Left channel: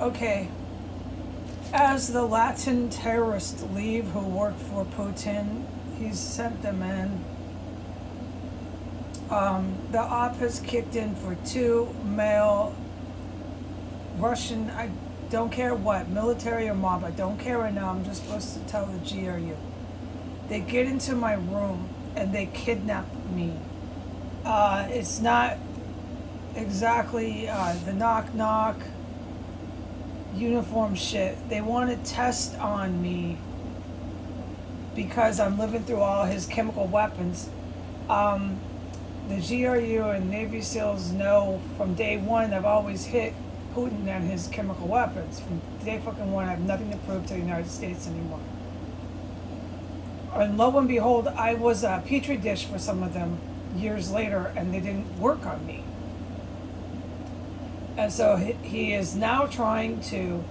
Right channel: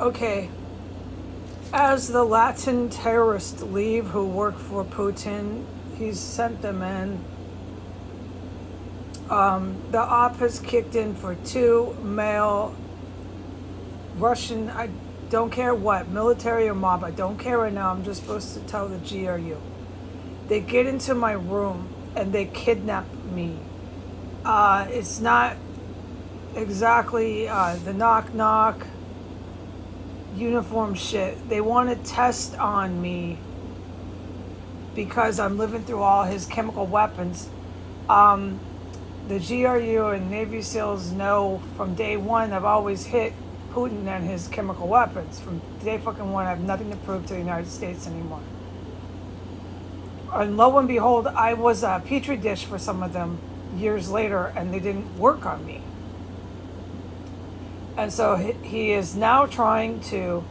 Okay, as the Latin terrorists leave who work for Putin, he's sent them in. The op has kicked in for two male Russian, I don't care what, military or mob, I don't care right now, I'm just supposed to tell the GRU. They get into my room and they kidnap me. It's not exactly the knock knock uniform shit. They want to test on me because I'm living through all his chemical weapons. The GRU and Navy SEALs know from day one I've always hit Putin and his chemical weapons. From day fucking one, I have nothing to prove to the United States anymore. And lo and behold, I was a petri dish for some of them years later, and they didn't work on me. And so he is now trying to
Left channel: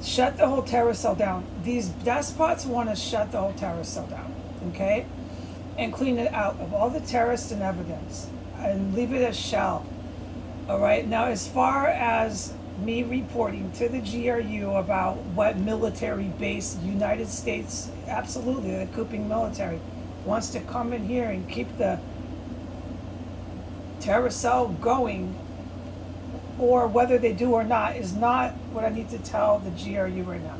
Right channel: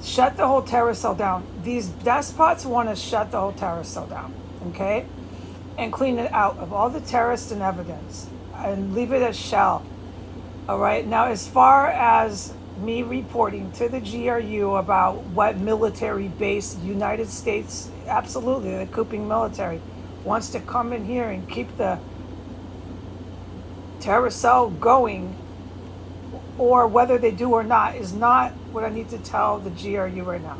shut the whole terrorist cell down. These despots want to shut the whole terrorist cell down, okay? And clean it out of all the terrorists and evidence and leave it as shell. All right, now as far as me reporting to the GRU about what military base United States, absolutely, the cooping military, wants to come in here and keep the terrorist cell going, or whether they do or not, is not what I need to tell the GRU right now.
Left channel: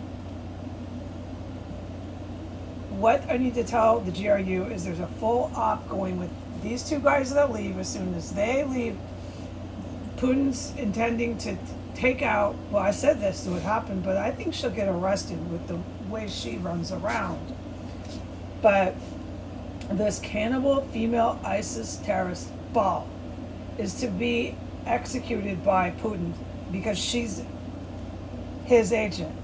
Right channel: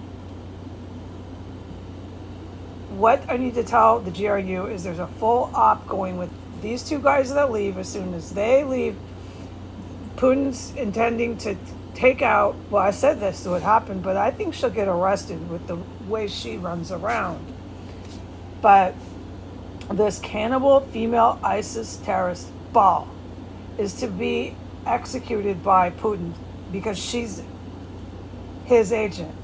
What I need to tell the GRU is there's a full op going with these two guys that leave. As soon as they leave, Putin's intending to take out, well, I said this would happen, but I think she'll get arrested with the way she runs around. But this cannibal female ISIS terrorist ball is to be executed by Putin because she's his agent.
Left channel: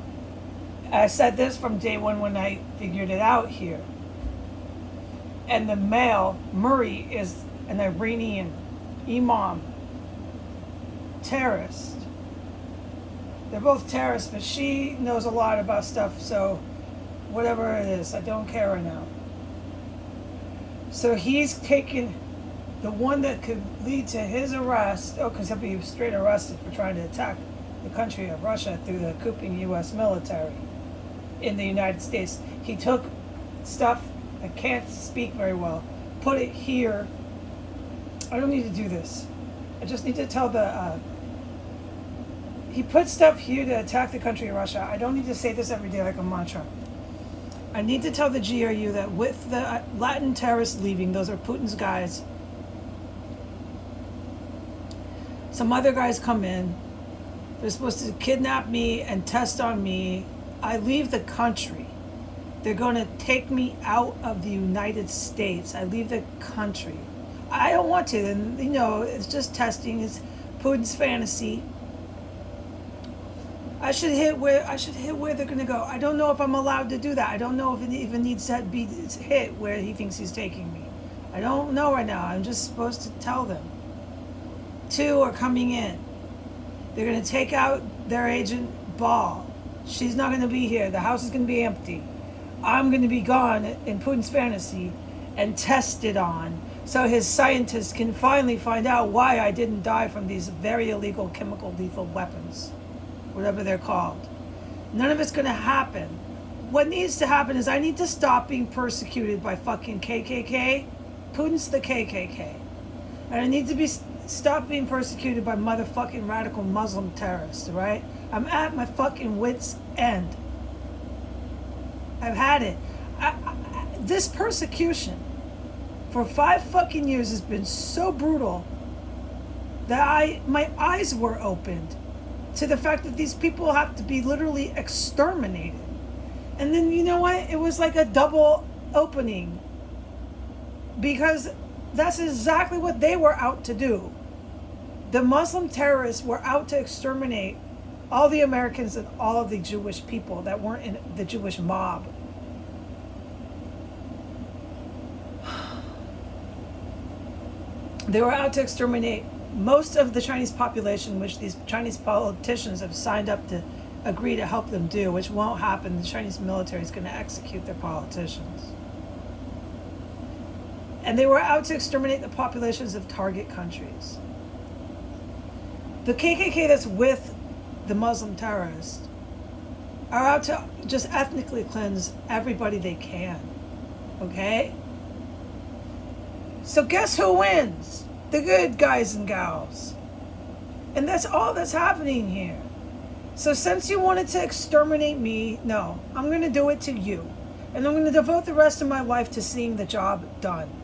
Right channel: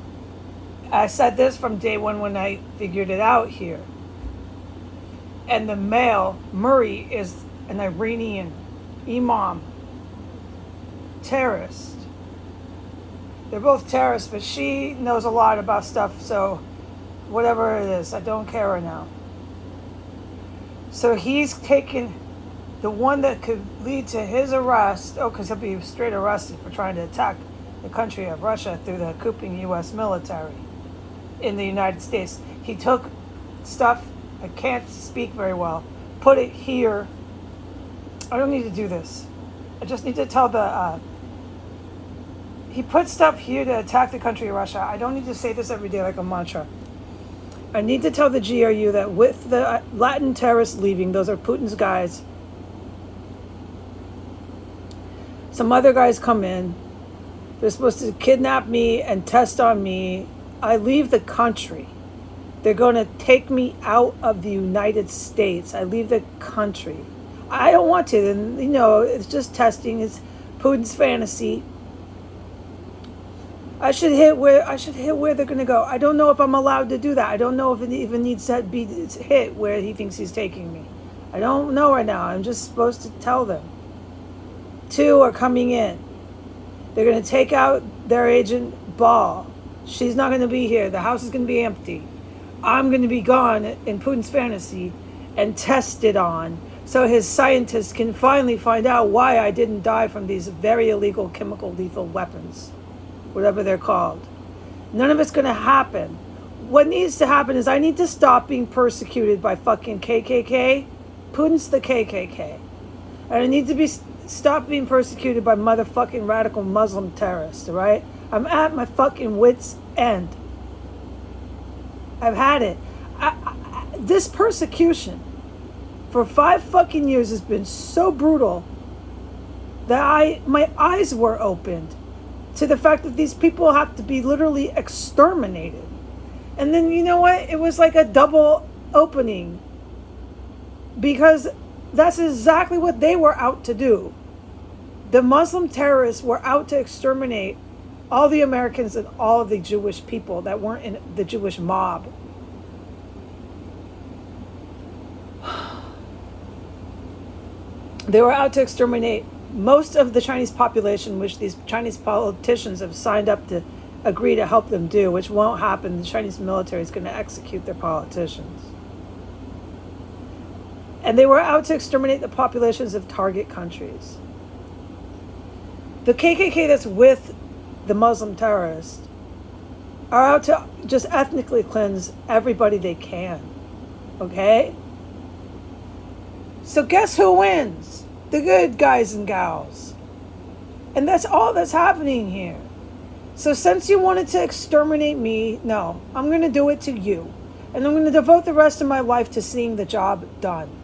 I said this from day one when I figured it out here. And the male, Murray, is an Iranian imam terrorist. They're both terrorists, but she knows a lot about stuff, so whatever it is, I don't care right now. So he's taken the one that could lead to his arrest, because he'll be straight arrested for trying to attack the country of Russia through the cooping U.S. military in the United States. He took stuff, I can't speak very well, put it here. I don't need to do this. I just need to tell the, he put stuff here to attack the country of Russia. I don't need to say this every day like a mantra. I need to tell the GRU that with the Latin terrorists leaving, those are Putin's guys. Some other guys come in. They're supposed to kidnap me and test on me. I leave the country. They're going to take me out of the United States. I leave the country. I don't want to. And, it's just testing. It's Putin's fantasy. I should hit where they're going to go. I don't know if I'm allowed to do that. I don't know if it even needs to be hit where he thinks he's taking me. I don't know right now. I'm just supposed to tell them. Two are coming in. They're going to take out their agent, Ball. She's not going to be here. The house is going to be empty. I'm going to be gone in Putin's fantasy and tested on so his scientists can finally find out why I didn't die from these very illegal chemical lethal weapons, whatever they're called. None of it's going to happen. What needs to happen is I need to stop being persecuted by fucking KKK. Putin's the KKK. And I need to stop being persecuted by motherfucking radical Muslim terrorists, all right? I'm at my fucking wit's end. I've had it. This persecution for 5 fucking years has been so brutal that my eyes were opened to the fact that these people have to be literally exterminated. And then you know what? It was like a double opening because that's exactly what they were out to do. The Muslim terrorists were out to exterminate all the Americans and all of the Jewish people that weren't in the Jewish mob. They were out to exterminate most of the Chinese population, which these Chinese politicians have signed up to agree to help them do, which won't happen. The Chinese military is going to execute their politicians. And they were out to exterminate the populations of target countries. The KKK that's with the Muslim terrorists, are out to just ethnically cleanse everybody they can. Okay? So guess who wins? The good guys and gals. And that's all that's happening here. So since you wanted to exterminate me, no, I'm going to do it to you. And I'm going to devote the rest of my life to seeing the job done.